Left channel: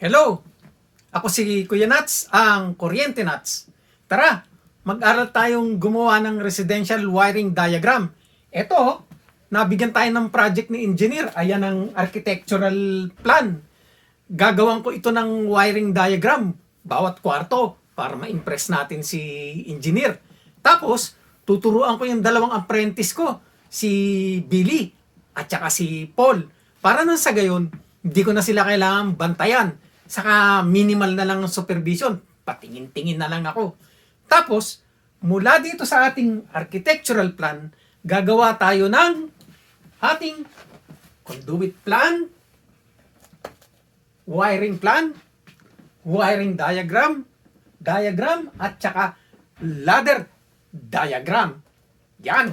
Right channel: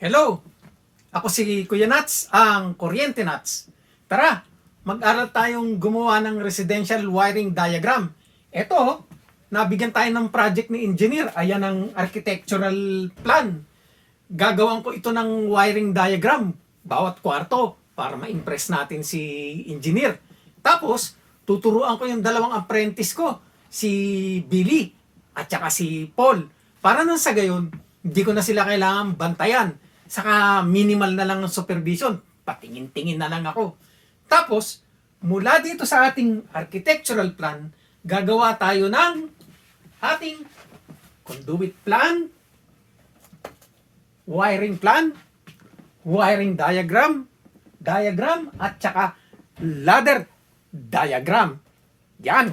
Hello! Ako si Kuya Nats, ang Kuryente Nats. Tara, mag-aral tayong gumawa ng residential wiring diagram. Ito, nabigyan tayo ng project ni engineer. Ayan ang architectural plan. Gagawan ko ito ng wiring diagram, bawat kwarto, para ma-impress natin si engineer. Tapos, tuturuan ko yung dalawang apprentice ko, si Billy at saka si Paul. Para nang sa gayon, hindi ko na sila kailangan bantayan. Saka minimal na lang ang supervision. Patingin-tingin na lang ako. Tapos, mula dito sa ating architectural plan, gagawa tayo ng ating conduit plan, wiring plan, wiring diagram, diagram, at saka ladder diagram. Yan.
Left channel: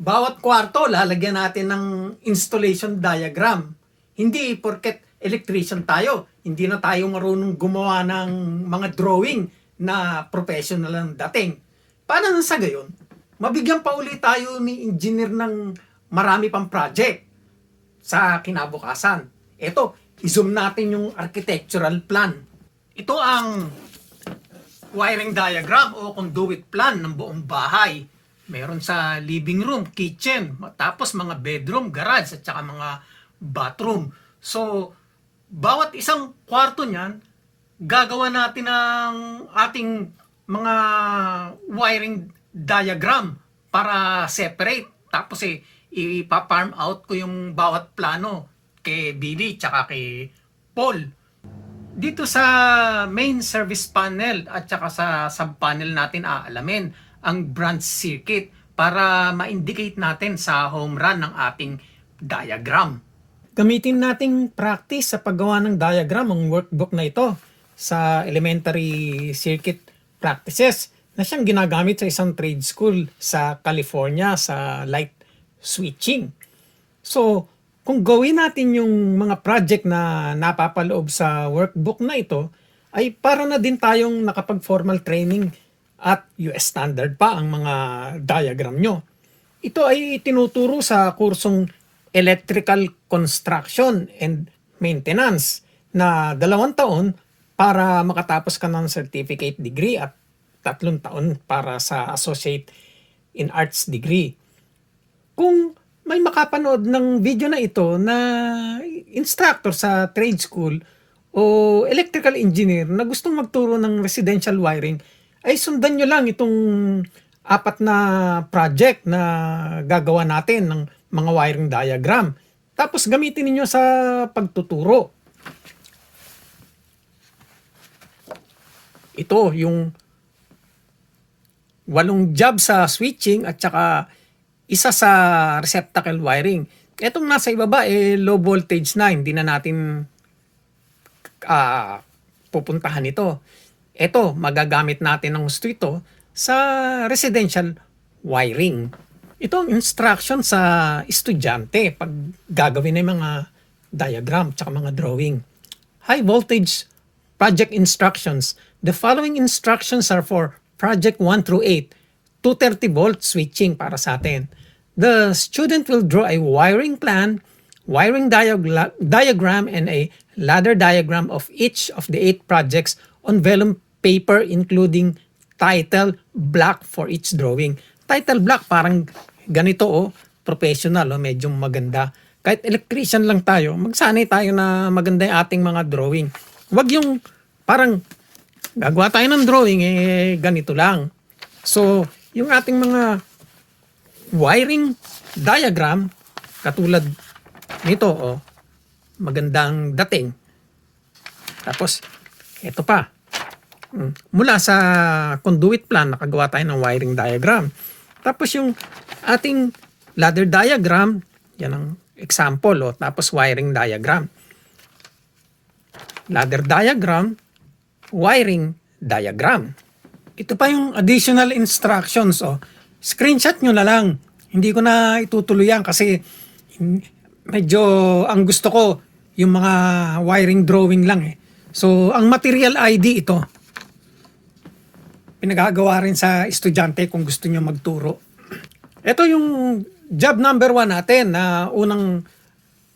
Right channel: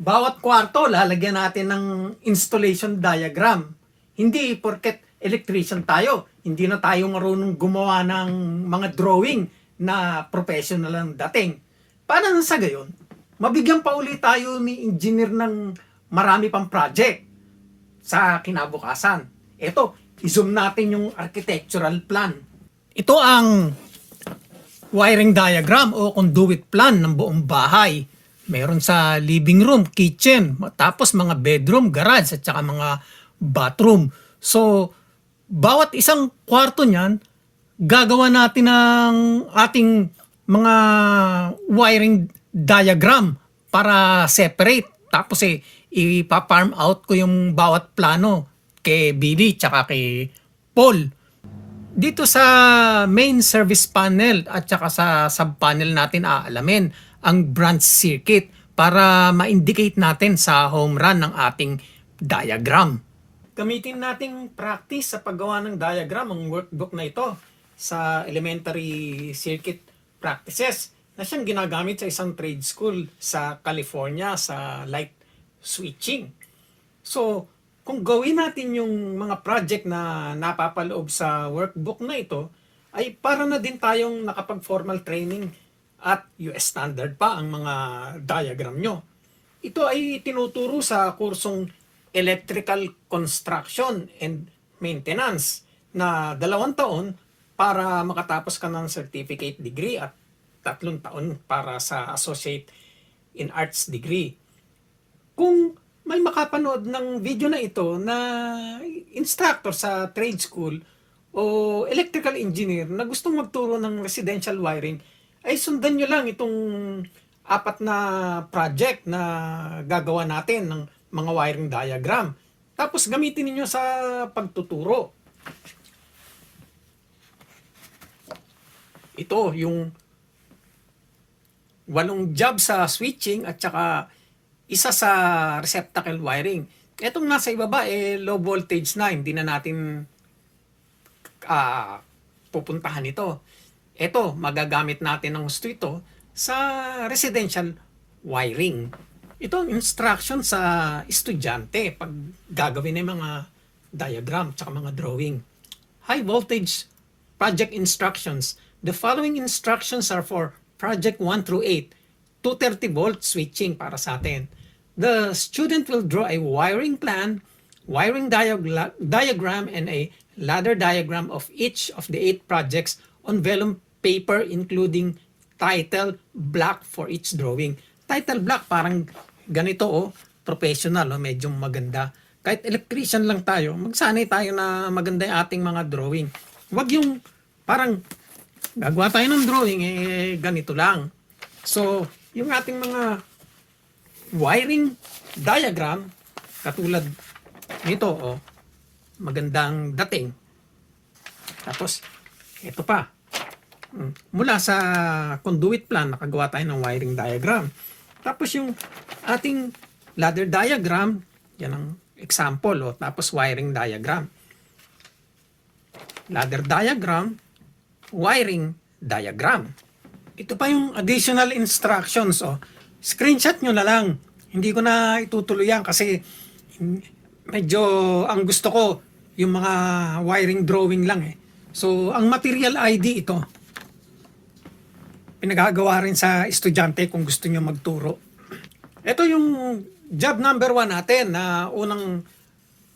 Bawat kwarto, lalagyan natin ng installation diagram. Hindi porket electrician tayo, hindi na tayo marunong gumawa ng mga drawing na professional ang dating. Para na sa gayon, mabigyan pa ulit tayo ni engineer ng marami pang project sa kinabukasan. Ito, i-zoom natin yung architectural plan. Ito ang wiring diagram o conduit plan ng buong bahay. Meron sa living room, kitchen, tapos mga bedroom, garage, at saka mga bathroom. So, bawat isang kwarto niyan, gagawa natin ng ating mga wiring diagram para separate. Tapos eh, ipa-farm out ko yung bawat plano kay Billy tsaka kay Paul. Dito sa main service panel at saka sa sub-panel natin aalamin ang branch circuit para ma-indicate natin sa home run ng ating diagram. Gamitin nating practice sa paggawa ng diagram ang workbook na ito sa elementary circuit practices na siyang ginagamit sa isang trade school sa California sa light switching. So, kung gawin natin yung mga project na napapaloob sa workbook na ito, ay para na din tayong nakapag-formal training at US standard pa ang mga diagram nyo. Ito ay tinuturo sa kursong Electrical Construction and Maintenance na dalawang taon para makatapos ka ng certificate degree at tatlong taon para sa associate in arts degree. Kung may makapanood ng video na ito na instructor sa trade school o electrical engineer na gustong magturo ng residential wiring, ay sundan nyo lang itong apat na project na gagawa natin ng mga wiring diagram. Tapos gamitin niyo sa pagtuturo. Ito yung walong job sa switching at saka isa sa receptacle wiring. Etong nasa ibaba eh low voltage na, hindi na natin ah, pupuntahan ito. Ito, magagamit natin ng gusto ito sa residential wiring. Ito ang instruction sa estudyante pag gagawin ng mga diagram at mga drawing. High voltage project instructions. The following instructions are for project 1 through 8. 230 volt switching para sa atin. The student will draw a wiring plan, wiring diagla- diagram, and a ladder diagram of each of the eight projects on vellum paper including title block for each drawing. Title block parang ganito oh, professional oh, medyo maganda. Kahit electrician lang tayo, magsanay tayo na maganda yung ating mga drawing. Huwag yung parang gagawa tayo ng drawing eh ganito lang. So, yung ating mga wiring diagram katulad nito oh, magandang dating. Tapos ito pa. Mm, Mula sa conduit plan nakagawa tayo ng wiring diagram. Tapos yung ating ladder diagram, yan ang example oh, tapos wiring diagram. Ladder diagram, wiring diagram. Ito pa yung additional instructions. Oh. Screenshot nyo na lang. Hindi ko na itutuloy yan kasi medyo ang gusto ko yung mga wiring drawing lang eh. So, ang material ID ito. Pinagagawa rin sa estudyante kung gusto nyo magturo. Ito yung job number one natin na unang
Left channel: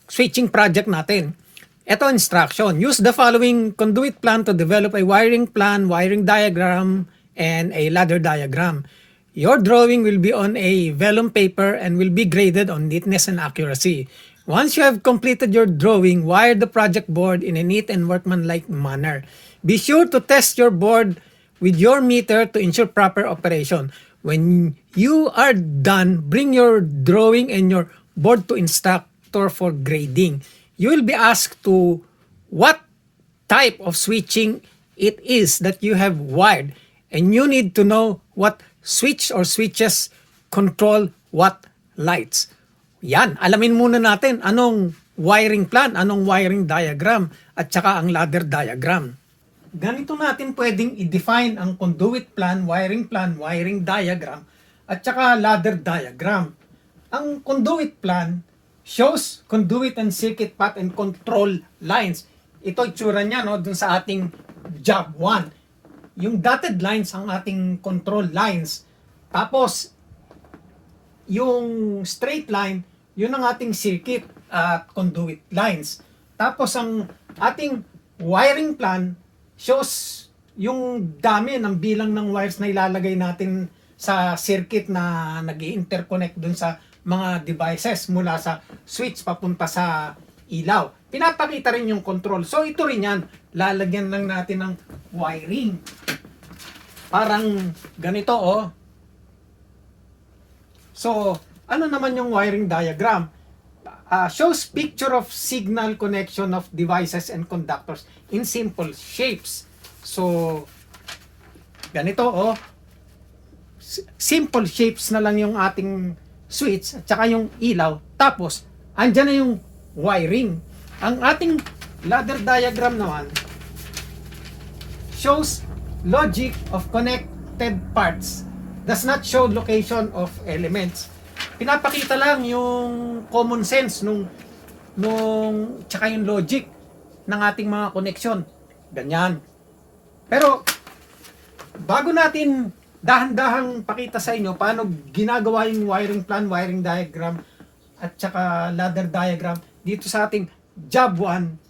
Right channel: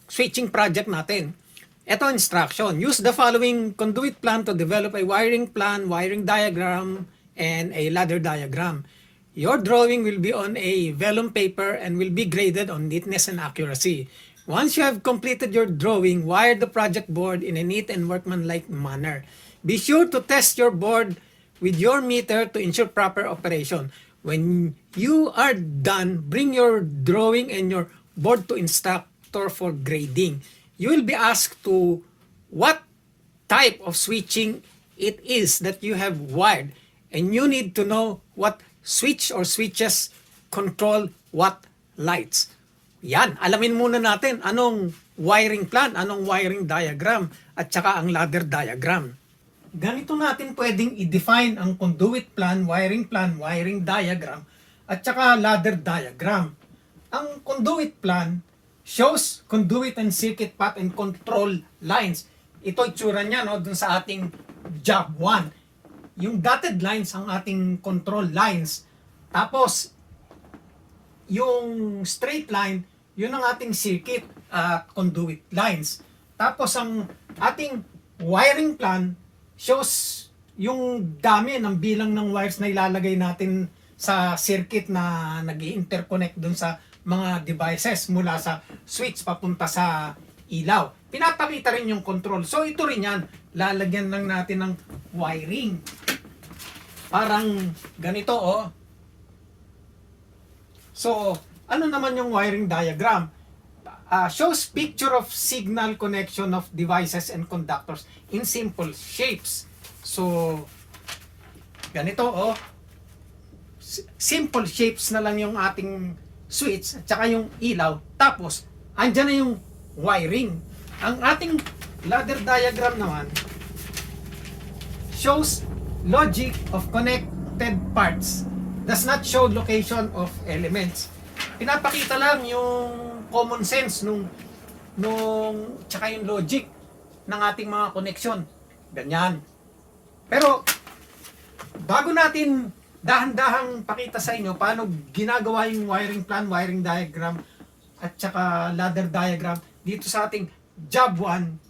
switching project natin. Ito instruction. Use the following conduit plan to develop a wiring plan, wiring diagram, and a ladder diagram. Your drawing will be on a vellum paper and will be graded on neatness and accuracy. Once you have completed your drawing, wire the project board in a neat and workmanlike manner. Be sure to test your board with your meter to ensure proper operation. When you are done, bring your drawing and your board to instructor for grading. You will be asked to what type of switching it is that you have wired and you need to know what switch or switches control what lights. Yan, alamin muna natin anong wiring plan, anong wiring diagram, at saka ang ladder diagram. Ganito natin pwedeng i-define ang conduit plan, wiring plan, wiring diagram, at saka ladder diagram. Ang conduit plan shows conduit and circuit path and control lines. Ito itsura niya no, dun sa ating job 1. Yung dotted lines ang ating control lines. Tapos, yung straight line, yun ang ating circuit at conduit lines. Tapos ang ating wiring plan shows yung dami ng bilang ng wires na ilalagay natin sa circuit na nag interconnect dun sa mga devices mula sa switch papunta sa ilaw. Pinapakita rin yung control. So ito rin yan. Lalagyan lang natin ng wiring. Parang ganito oh. So, ano naman yung wiring diagram? Uh, shows picture of signal connection of devices and conductors in simple shapes. So, ganito oh. Simple shapes na lang yung ating switch at saka yung ilaw. Tapos, andyan na yung wiring. Ang ating ladder diagram naman shows logic of connected parts does not show location of elements. Pinapakita lang yung common sense nung nung tsaka yung logic ng ating mga connection. Ganyan. Pero bago natin dahan-dahang pakita sa inyo paano ginagawa yung wiring plan, wiring diagram at tsaka ladder diagram dito sa ating job 1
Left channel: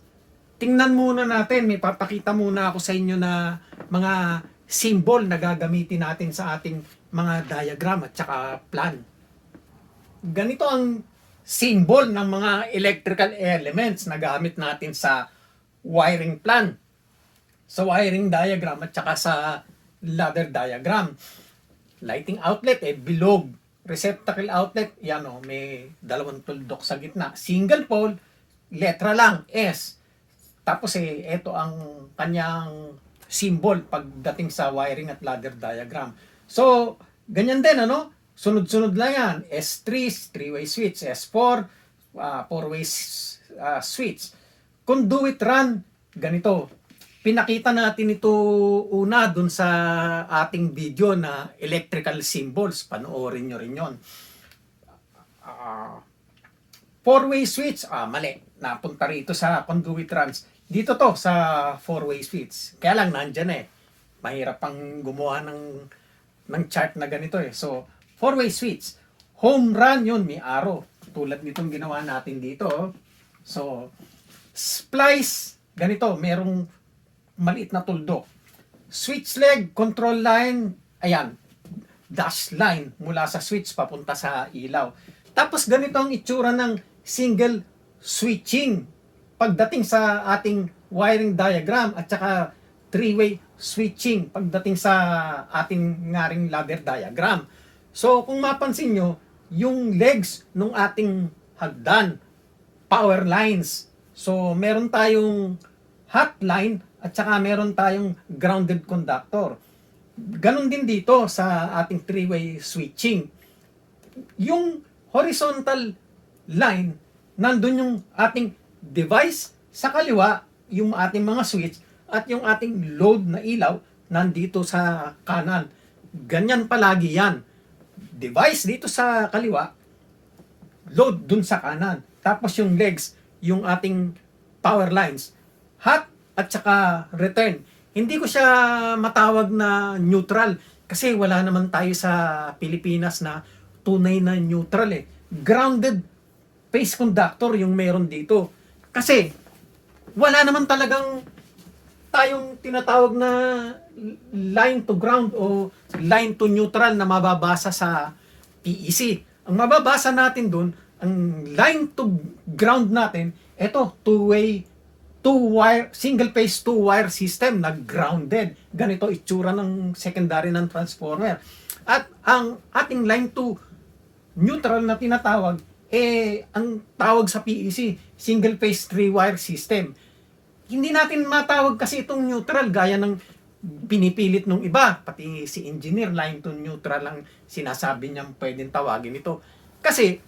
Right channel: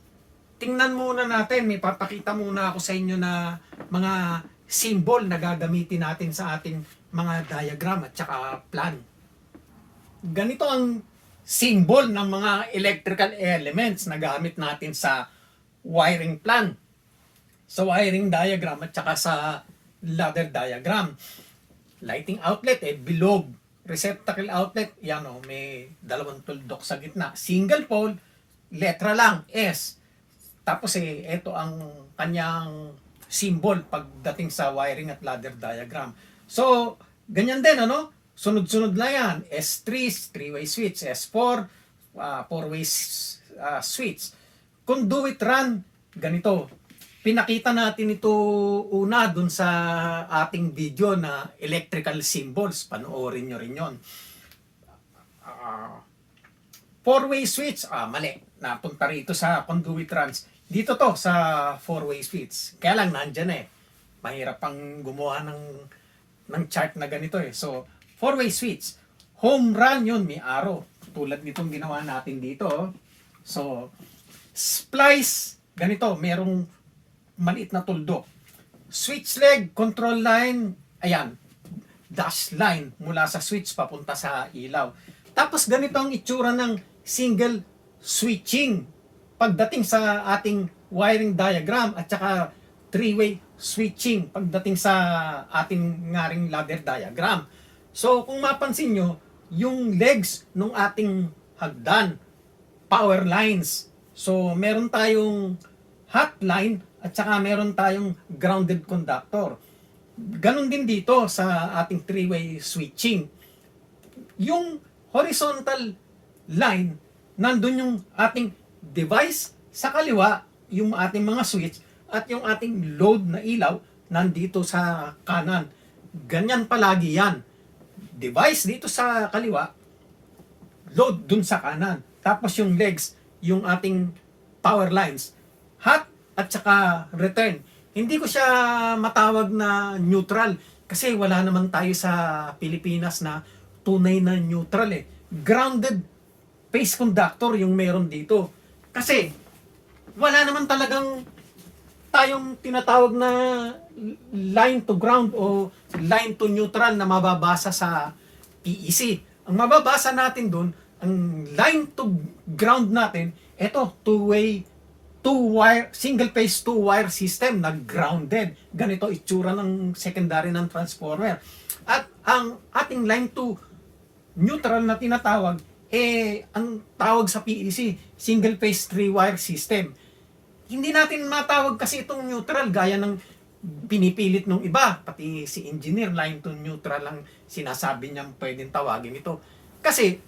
tingnan muna natin, may papakita muna ako sa inyo na mga symbol na gagamitin natin sa ating mga diagram at saka plan. Ganito ang symbol ng mga electrical elements na gamit natin sa wiring plan. Sa wiring diagram at saka sa ladder diagram. Lighting outlet, eh, bilog. Receptacle outlet, yan o, may dalawang tuldok sa gitna. Single pole, letra lang, S. Tapos eh, ito ang kanyang symbol pagdating sa wiring at ladder diagram. So, ganyan din, ano? Sunod-sunod lang yan. S3, three-way switch. S4, uh, four-way uh, switch. Conduit run, ganito. Pinakita natin ito una dun sa ating video na electrical symbols. Panoorin nyo rin yon. Ah, four-way switch, ah, mali. Napunta rito sa conduit runs. Dito to sa four-way switch. Kaya lang nandyan eh. Mahirap pang gumawa ng ng chart na ganito eh. So, four-way switch. Home run yun, may arrow. Tulad nitong ginawa natin dito. oh. So, splice, ganito, merong maliit na tuldok. Switch leg, control line, ayan, dash line mula sa switch papunta sa ilaw. Tapos ganito ang itsura ng single switching pagdating sa ating wiring diagram at saka three-way switching pagdating sa ating ngaring ladder diagram. So kung mapansin nyo, yung legs ng ating hagdan, power lines. So meron tayong hot line at saka meron tayong grounded conductor. Ganon din dito sa ating three-way switching. Yung horizontal line, nandun yung ating device sa kaliwa, yung ating mga switch, at yung ating load na ilaw nandito sa kanan. Ganyan palagi yan. Device dito sa kaliwa, load dun sa kanan. Tapos yung legs, yung ating power lines, hot at saka return. Hindi ko siya matawag na neutral kasi wala naman tayo sa Pilipinas na tunay na neutral eh. Grounded phase conductor yung meron dito. Kasi wala naman talagang tayong tinatawag na line to ground o line to neutral na mababasa sa PEC. Ang mababasa natin doon, ang line to ground natin, ito, two-way, two-wire, single-phase two-wire system na grounded. Ganito itsura ng secondary ng transformer. At ang ating line to neutral na tinatawag, eh, ang tawag sa PEC, single-phase three-wire system hindi natin matawag kasi itong neutral gaya ng pinipilit nung iba, pati si engineer line to neutral lang sinasabi niyang pwedeng tawagin ito. Kasi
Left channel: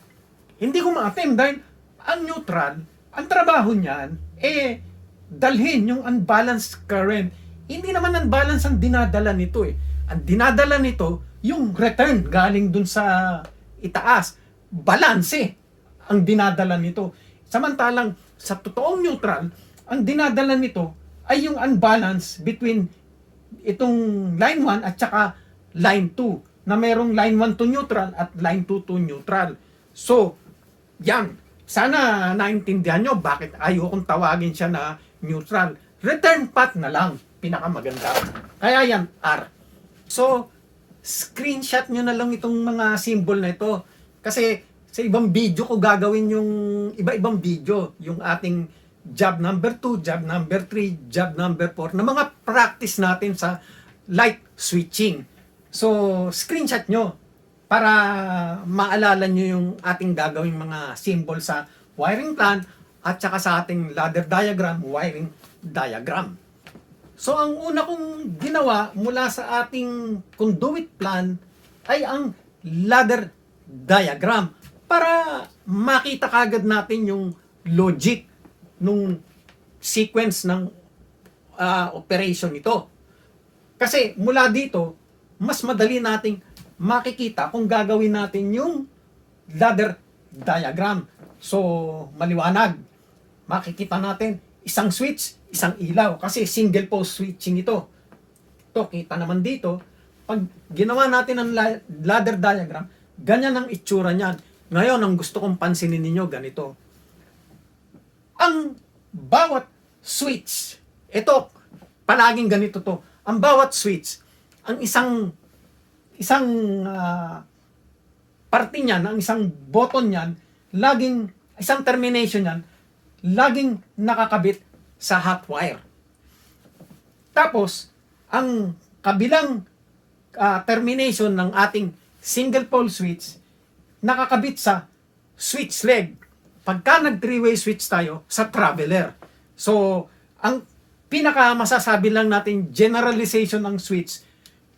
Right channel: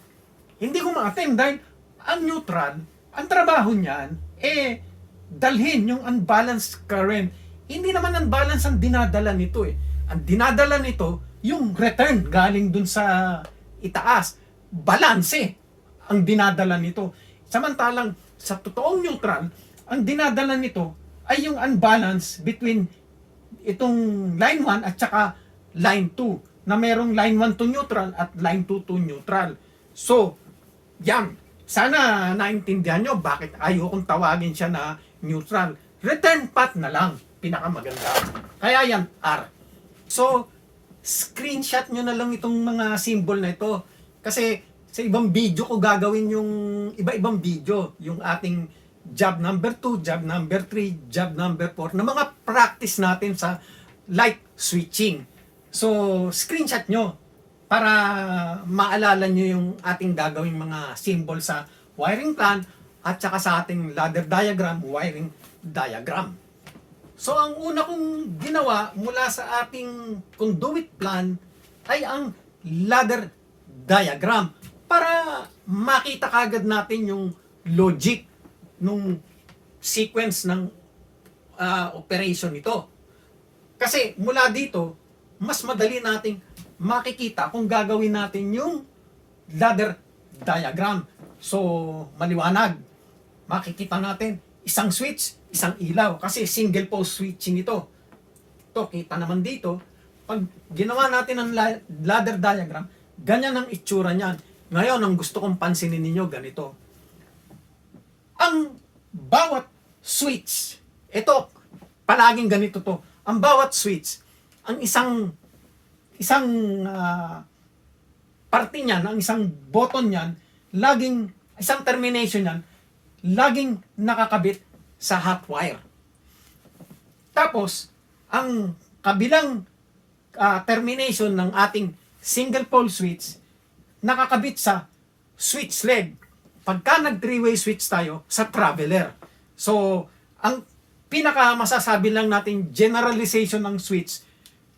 hindi ko ma-attend dahil ang neutral, ang trabaho niyan, eh, dalhin yung unbalanced current. Hindi naman unbalanced ang dinadala nito eh. Ang dinadala nito, yung return galing dun sa itaas. Balance eh, ang dinadala nito. Samantalang sa totoong neutral, ang dinadala nito ay yung unbalance between itong line 1 at saka line 2 na merong line 1 to neutral at line 2 to neutral. So, yan. Sana naintindihan nyo bakit ayokong tawagin siya na neutral. Return path na lang. Pinakamaganda. Kaya yan, R. So, screenshot nyo na lang itong mga symbol na ito. Kasi sa ibang video ko gagawin yung iba-ibang video. Yung ating job number 2, job number 3, job number 4 na mga practice natin sa light switching. So, screenshot nyo para maalala nyo yung ating gagawing mga symbol sa wiring plan at saka sa ating ladder diagram, wiring diagram. So, ang una kong ginawa mula sa ating conduit plan ay ang ladder diagram para makita kagad natin yung logic nung sequence ng ah, operation nito. Kasi mula dito, mas madali nating makikita kung gagawin natin yung ladder diagram. So, maliwanag. Makikita natin isang switch, isang ilaw. Kasi single post switching ito. Ito, kita naman dito. Pag ginawa natin ang la- ladder diagram, ganyan ang itsura niyan. Ngayon, ang gusto kong pansinin ninyo, ganito ang bawat switch, ito, palaging ganito to, ang bawat switch, ang isang, isang ah, parte niyan, ang isang button niyan, laging, isang termination niyan, laging nakakabit sa hot wire. Tapos, ang kabilang ah, termination ng ating single pole switch, nakakabit sa switch leg pagka nag three-way switch tayo sa traveler. So, ang pinaka masasabi lang natin generalization ng switch,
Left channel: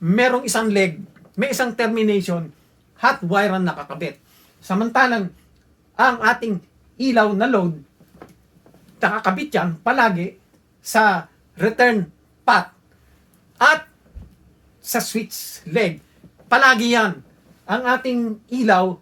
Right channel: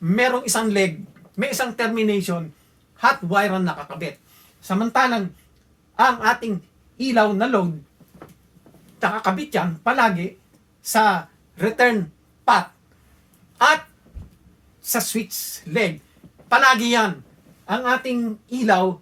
merong isang leg, may isang termination, hot wire ang nakakabit. Samantalang, ang ating ilaw na load, nakakabit yan palagi sa return path at sa switch leg. Palagi yan. Ang ating ilaw,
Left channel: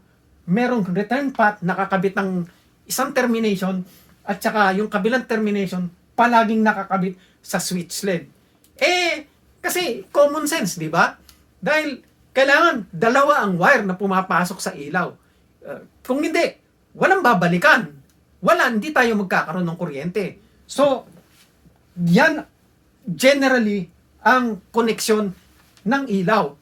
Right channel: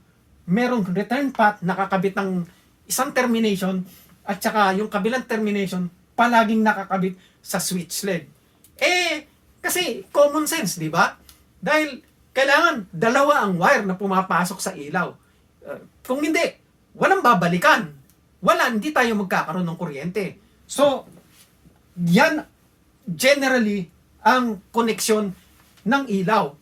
merong return path, nakakabit ng isang termination at saka yung kabilang termination palaging nakakabit sa switch leg. Eh, kasi common sense, di ba? Dahil kailangan dalawa ang wire na pumapasok sa ilaw. Uh, kung hindi, walang babalikan. Wala, hindi tayo magkakaroon ng kuryente. So, yan generally ang koneksyon ng ilaw.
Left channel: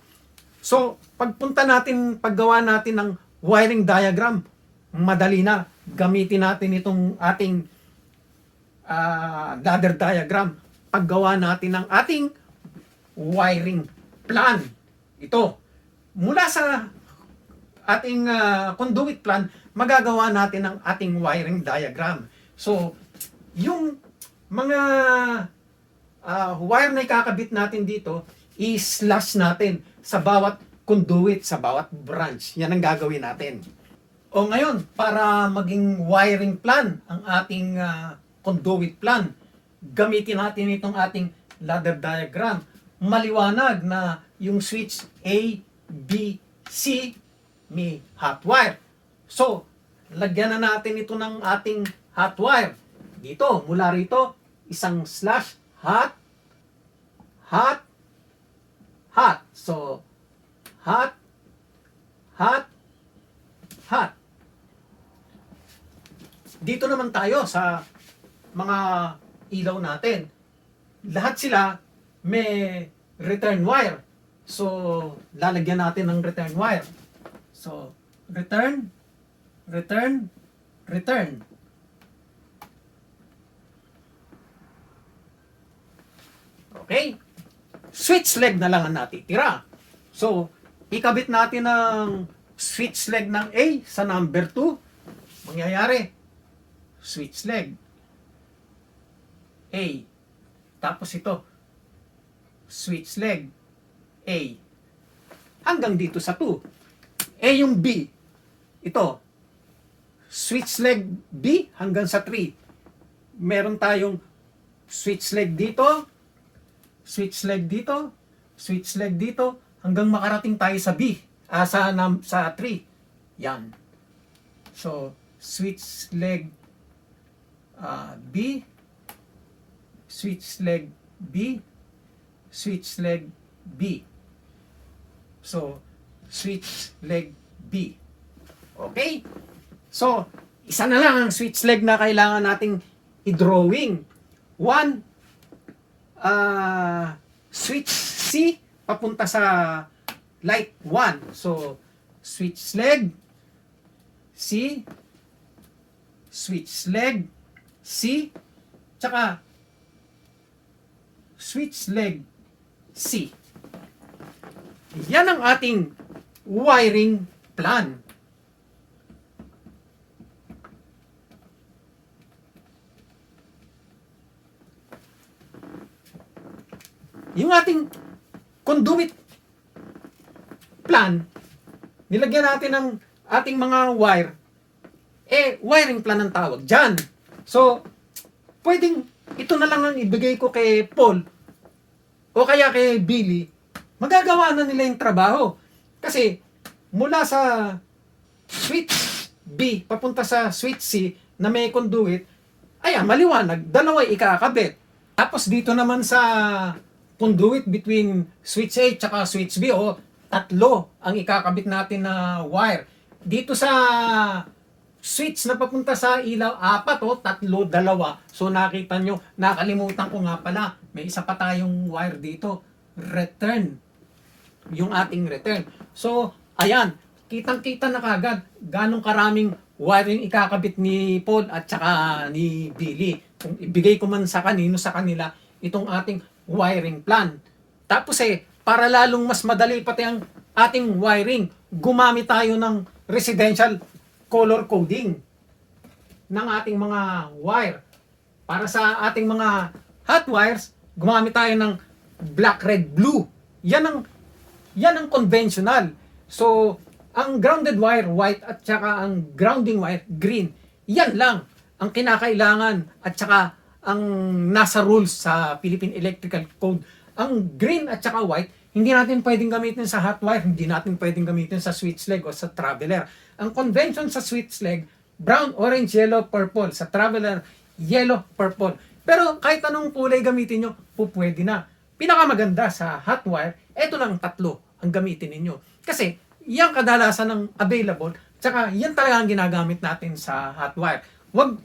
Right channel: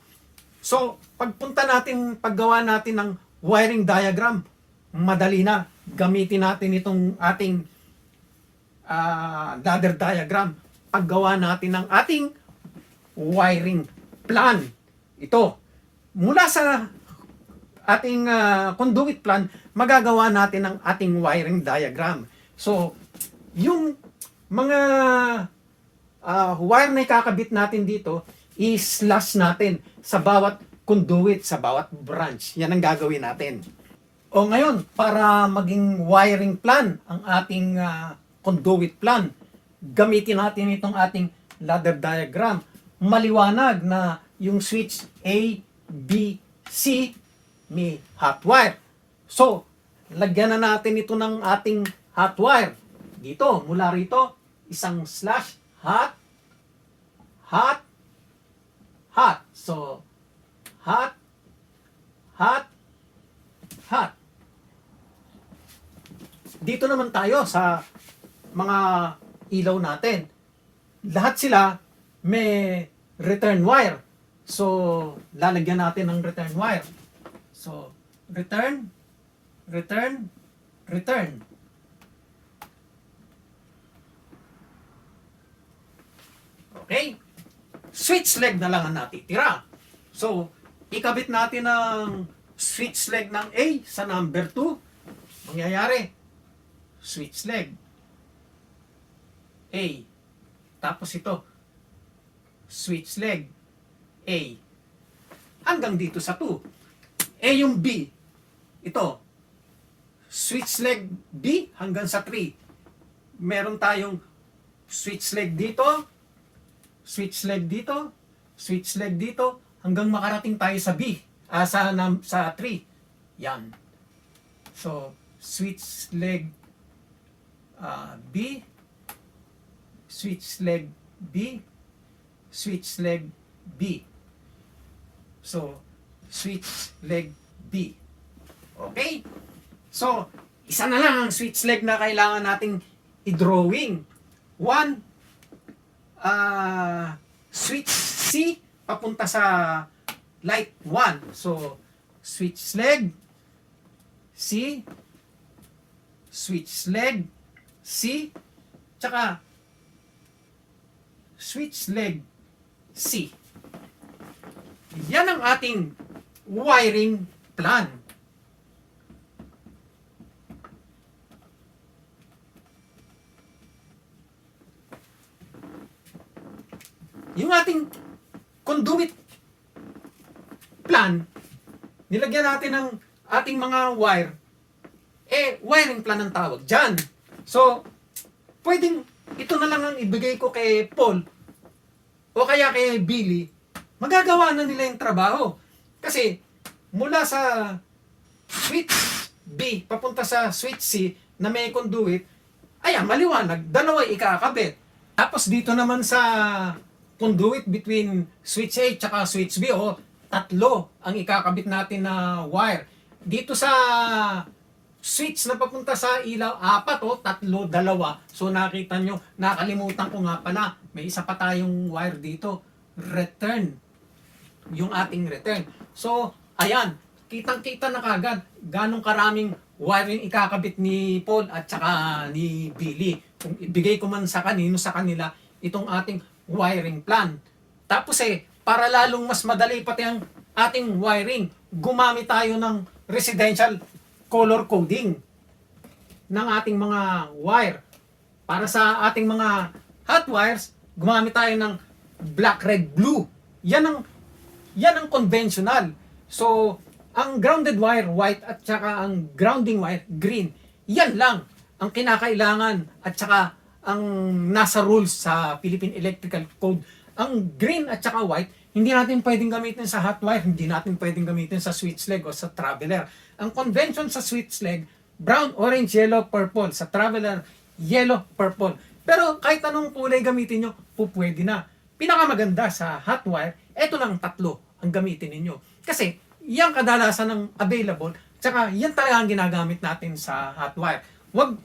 So, pagpunta natin, paggawa natin ng wiring diagram, madali na gamitin natin itong ating uh, ladder diagram. Paggawa natin ng ating wiring plan. Ito, mula sa ating uh, conduit plan, magagawa natin ang ating wiring diagram. So, yung mga uh, wire na ikakabit natin dito, i-slash natin sa bawat conduit, sa bawat branch. Yan ang gagawin natin. O ngayon, para maging wiring plan ang ating uh, conduit plan, gamitin natin itong ating ladder diagram. Maliwanag na yung switch A, B, C may hot wire. So, lagyan na natin ito ng ating hot wire. Dito, mula rito, isang slash hot, hot, hot. So, hot, hot, hot. Dito naman tayo sa mga ilaw natin. Lahat sila may return wire. So, lalagyan natin ng return wire. So, return, return, return. Okay? Switch leg na lang ang natitira. So, ikabit natin ng switch leg ng A sa number 2. Mangyayari, switch leg. A. Tapos ito, switch leg. A. Hanggang dito sa 2. A yung B. Ito, switch leg B hanggang sa 3. Meron tayong switch leg dito, switch leg dito, switch leg dito, hanggang makarating tayo sa B, ah, sa, sa 3. Yan. So, switch leg ah, B, switch leg B, switch leg B. So, switch leg B. Okay? So, isa na lang ang switch leg na kailangan nating i-drawing. One, ah switch C papunta sa light 1. So, switch leg C, switch leg C, tsaka switch leg C. Yan ang ating wiring plan. Yung ating conduit plan, nilagyan natin ng ating mga wire, eh, wiring plan ang tawag dyan. So, pwedeng ito na lang ang ibigay ko kay Paul o kaya kay Billy, magagawa na nila yung trabaho. Kasi, mula sa switch B, papunta sa switch C, na may conduit, ayan, maliwanag, dalawa ikakabit. Tapos dito naman sa conduit between switch A at switch B, o tatlo ang ikakabit natin na wire. Dito sa switch na papunta sa ilaw, apat o tatlo, dalawa. So nakita nyo, nakalimutan ko nga pala, may isa pa tayong wire dito. Return. Yung ating return. So, ayan, kitang-kita na kagad ganong karaming wiring ikakabit ni Paul at saka ni Billy. Kung ibigay ko man sa kanino sa kanila itong ating wiring plan. Tapos eh, para lalong mas madali pati ang ating wiring, gumamit tayo ng residential color coding ng ating mga wire. Para sa ating mga hot wires, gumamit tayo ng black, red, blue. Yan ang yan ang conventional. So, ang grounded wire white at saka ang grounding wire green. Yan lang ang kinakailangan at saka ang nasa rules sa Philippine Electrical Code. Ang green at saka white, hindi natin pwedeng gamitin sa hot wire, hindi natin pwedeng gamitin sa switch leg o sa traveler. Ang convention sa switch leg, brown, orange, yellow, purple. Sa traveler, yellow, purple. Pero kahit anong kulay gamitin nyo, po pwede na. Pinakamaganda sa hot wire, eto lang tatlo ang gamitin ninyo. Kasi, yan kadalasan ng available, tsaka yan talaga ang ginagamit natin sa hot wire. Wag,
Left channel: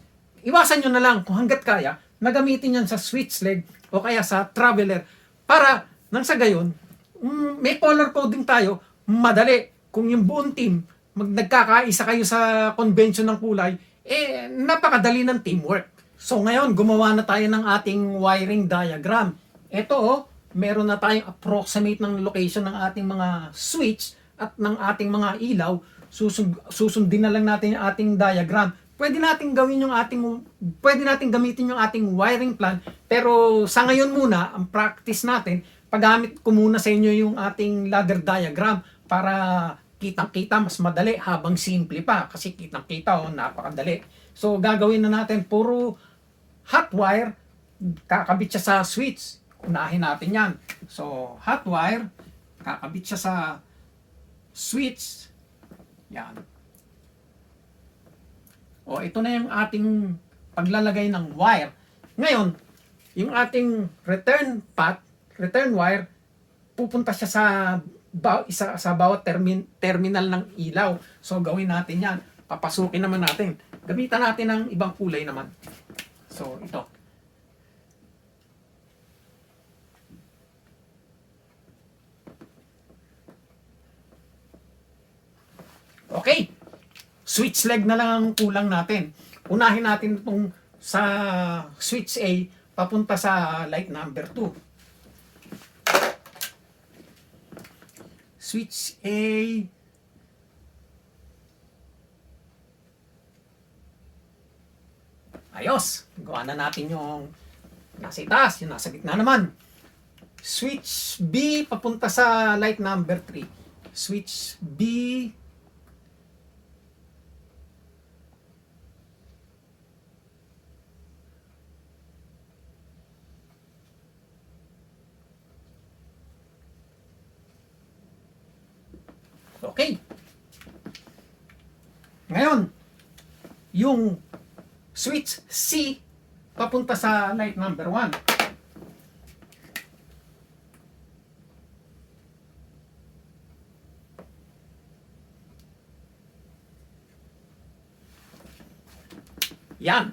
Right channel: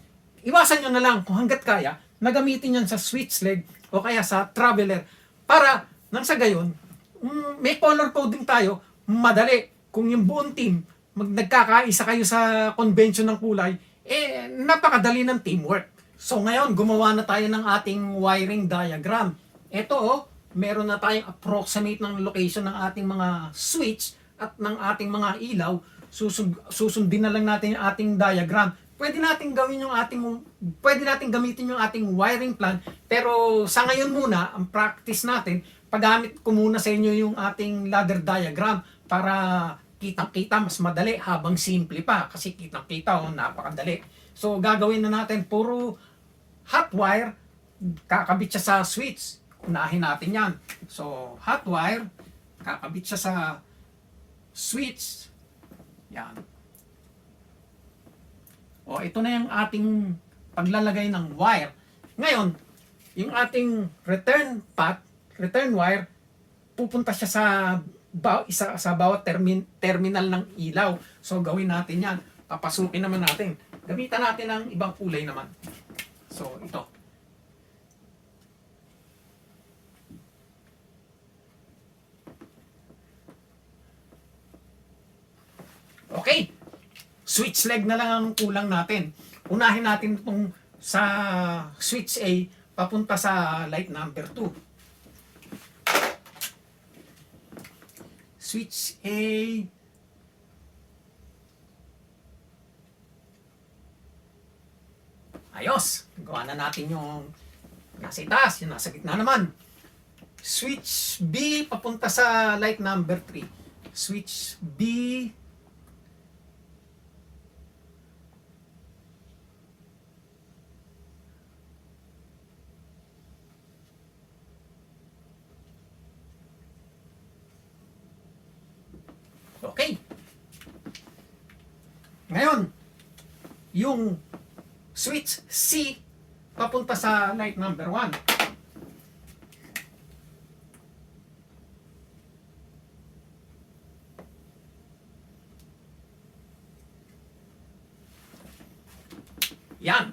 iwasan nyo na lang kung hanggat kaya, na gamitin yan sa switch leg o kaya sa traveler para nang sa gayon, mm, may color coding tayo, madali. Kung yung buong team, mag nagkakaisa kayo sa convention ng kulay, eh, napakadali ng teamwork. So ngayon, gumawa na tayo ng ating wiring diagram. Ito, oh, meron na tayong approximate ng location ng ating mga switch at ng ating mga ilaw. Susund, susundin na lang natin yung ating diagram. Pwede natin gawin yung ating pwede natin gamitin yung ating wiring plan pero sa ngayon muna ang practice natin paggamit ko muna sa inyo yung ating ladder diagram para kitang-kita mas madali habang simple pa kasi kitang-kita oh, napakadali. So gagawin na natin puro hot wire kakabit siya sa switch. Unahin natin 'yan. So hot wire kakabit siya sa switch. Yan. O ito na yung ating paglalagay ng wire. Ngayon, yung ating return path, return wire, pupunta siya sa ba, isa, sa bawat termin, terminal ng ilaw. So gawin natin yan. Papasukin naman natin. Gamitan natin ng ibang kulay naman. So ito. Okay. Switch leg na lang ang kulang natin. Unahin natin itong sa switch A papunta sa light number 2. Switch A. Ayos. Gawa na natin yung nasa itaas, yung nasa gitna naman. Switch B papunta sa light number 3. Switch B Okay. Ngayon, yung switch C papunta sa light number 1. Yan.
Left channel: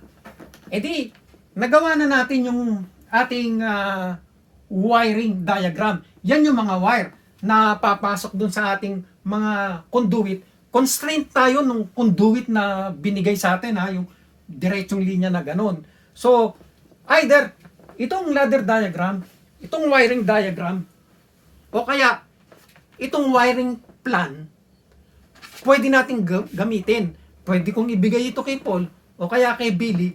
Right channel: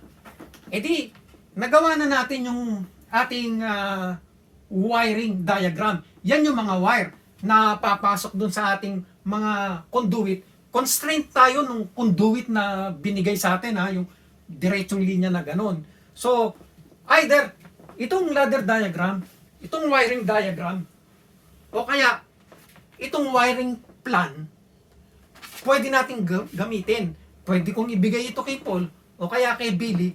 E di, nagawa na natin yung ating ah, wiring diagram. Yan yung mga wire na papasok dun sa ating mga conduit. Constraint tayo nung conduit na binigay sa atin ha, yung diretsong linya na ganun. So, either itong ladder diagram, itong wiring diagram, o kaya itong wiring plan, pwede nating ga- gamitin. Pwede kong ibigay ito kay Paul o kaya kay Billy.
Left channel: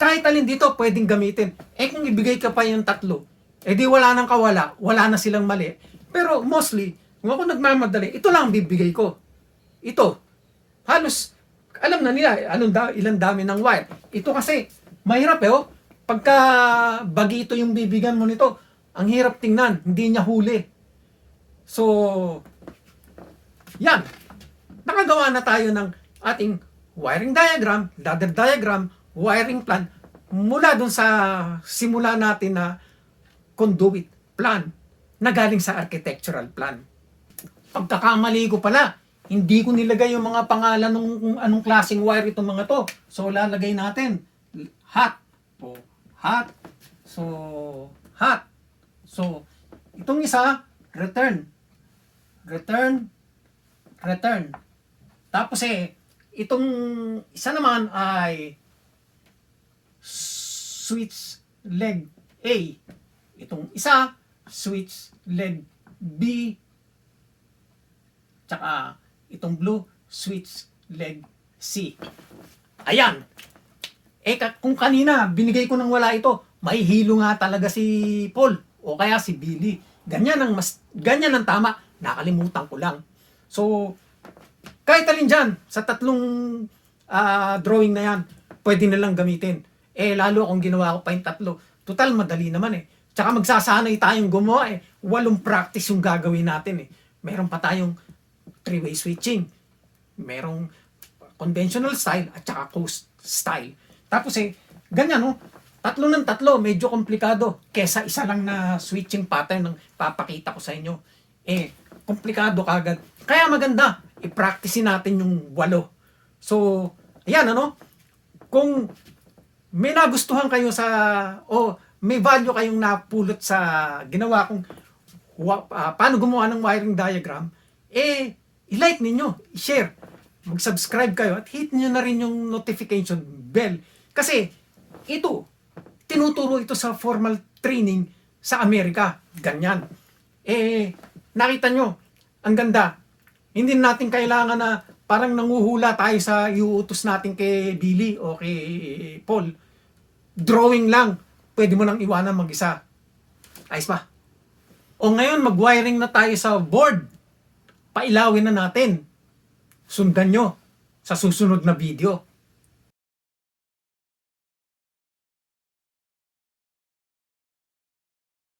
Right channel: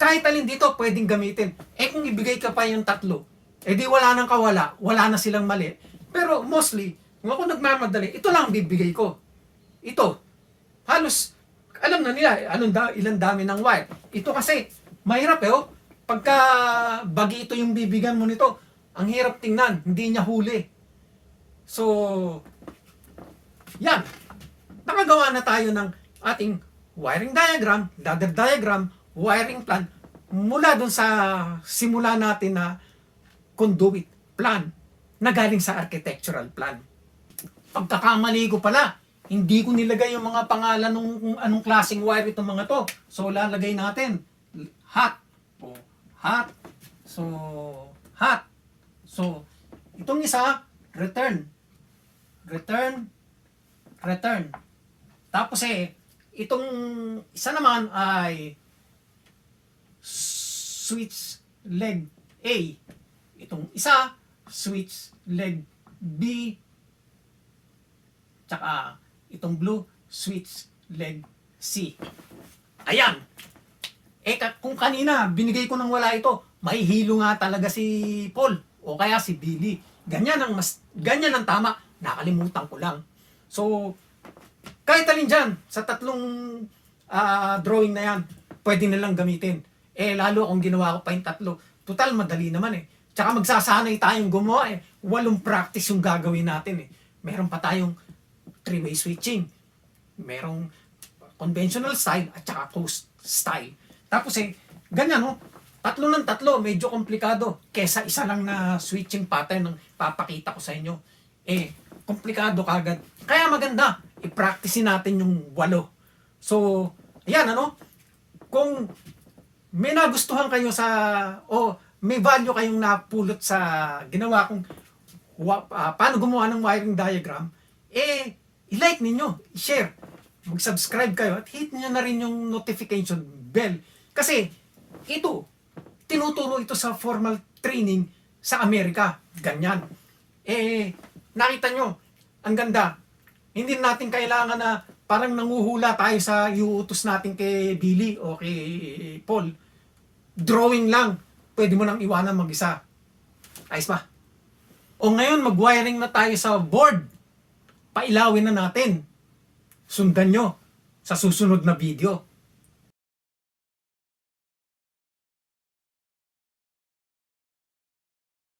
Kahit alin dito pwedeng gamitin. Eh kung ibigay ka pa yung tatlo, eh di wala nang kawala, wala na silang mali. Pero mostly, kung ako nagmamadali, ito lang ang bibigay ko. Ito. Halos, alam na nila, anong da, ilang dami ng wire. Ito kasi, mahirap eh, oh. Pagka bagito yung bibigan mo nito, ang hirap tingnan, hindi niya huli. So, yan. Nakagawa na tayo ng ating wiring diagram, ladder diagram, wiring plan, mula dun sa simula natin na conduit plan na galing sa architectural plan. Pagkakamali ko pala, hindi ko nilagay yung mga pangalan ng kung anong klaseng wire itong mga to. So, lalagay natin hot. Hot. So, hot. So, itong isa, return. Return. Return. Tapos eh, itong isa naman ay switch leg A. Itong isa, switch leg B. Tsaka itong blue, switch leg C. Ayan. Eh, kung kanina, binigay ko nang wala ito, may hilo nga talaga si Paul o kaya si Billy. Ganyan ang mas ganyan ang tama. Nakalimutan ko lang. So, kahit alin dyan, sa tatlong ah, drawing na yan, pwede na lang gamitin. Eh, lalo kung ginawa ko pa yung tatlo. Total, madali naman eh. Tsaka magsasanay tayong gumawa eh. Walong practice yung gagawin natin eh. Meron pa tayong three-way switching. Merong conventional style at saka coast style. Tapos eh, ganyan oh. Tatlo ng tatlo, medyo komplikado. Kesa isa lang na switching pattern ng papakita ko sa inyo. Eh, komplikado kagad. Kaya maganda, i-practice natin yung walo. So, ayan ano, kung may nagustuhan kayo sa, o may value kayong napulot sa ginawa kong ah, paano gumawa ng wiring diagram, eh, i-like ninyo, i-share, mag-subscribe kayo at hit niyo na rin yung notification bell. Kasi, ito, tinuturo ito sa formal training sa Amerika. Ganyan. Eh, nakita nyo, ang ganda. Hindi natin kailangan na parang nanguhula tayo sa iuutos natin kay Billy o kay Paul. Drawing lang. Pwede mo nang iwanan mag-isa. Ayos ba? O ngayon, mag-wiring na tayo sa board. Pailawin na natin. Sundan nyo sa susunod na video.